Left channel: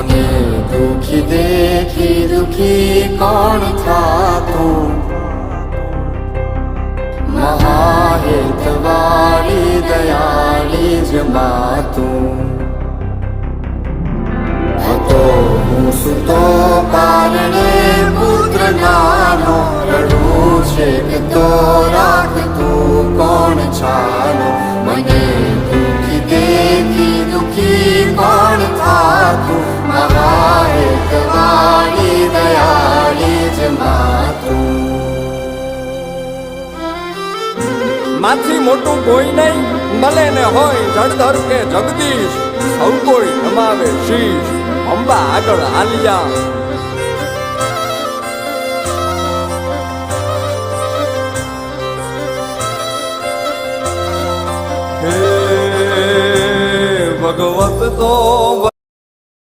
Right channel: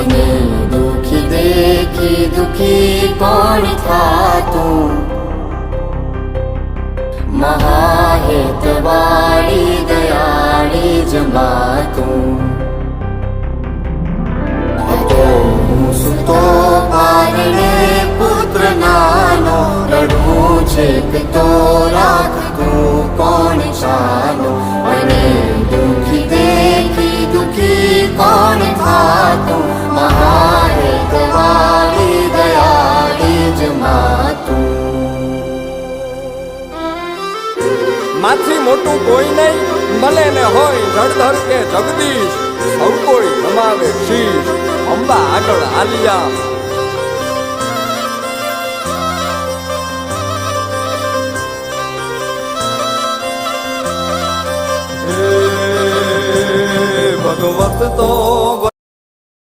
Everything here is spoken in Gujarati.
મને દુખી દેખી દુખી કોણ થાતું મહાહેતવાળી દયાળી જ માતું હતો હું સુતો કારણે પુત્ર નાનો રડવું છેક તો રાખતું કોણ છાનો મને દુખી દેખી દુખી કોણ થાતું મહાહેતવાળી દયાળી જ માતું માથી મોટું કોઈ નહીં ભલે ને હોય જળધર કે જગદીશ સૌ કોઈ નમાવે શીશ અંબા આગળ આલિયા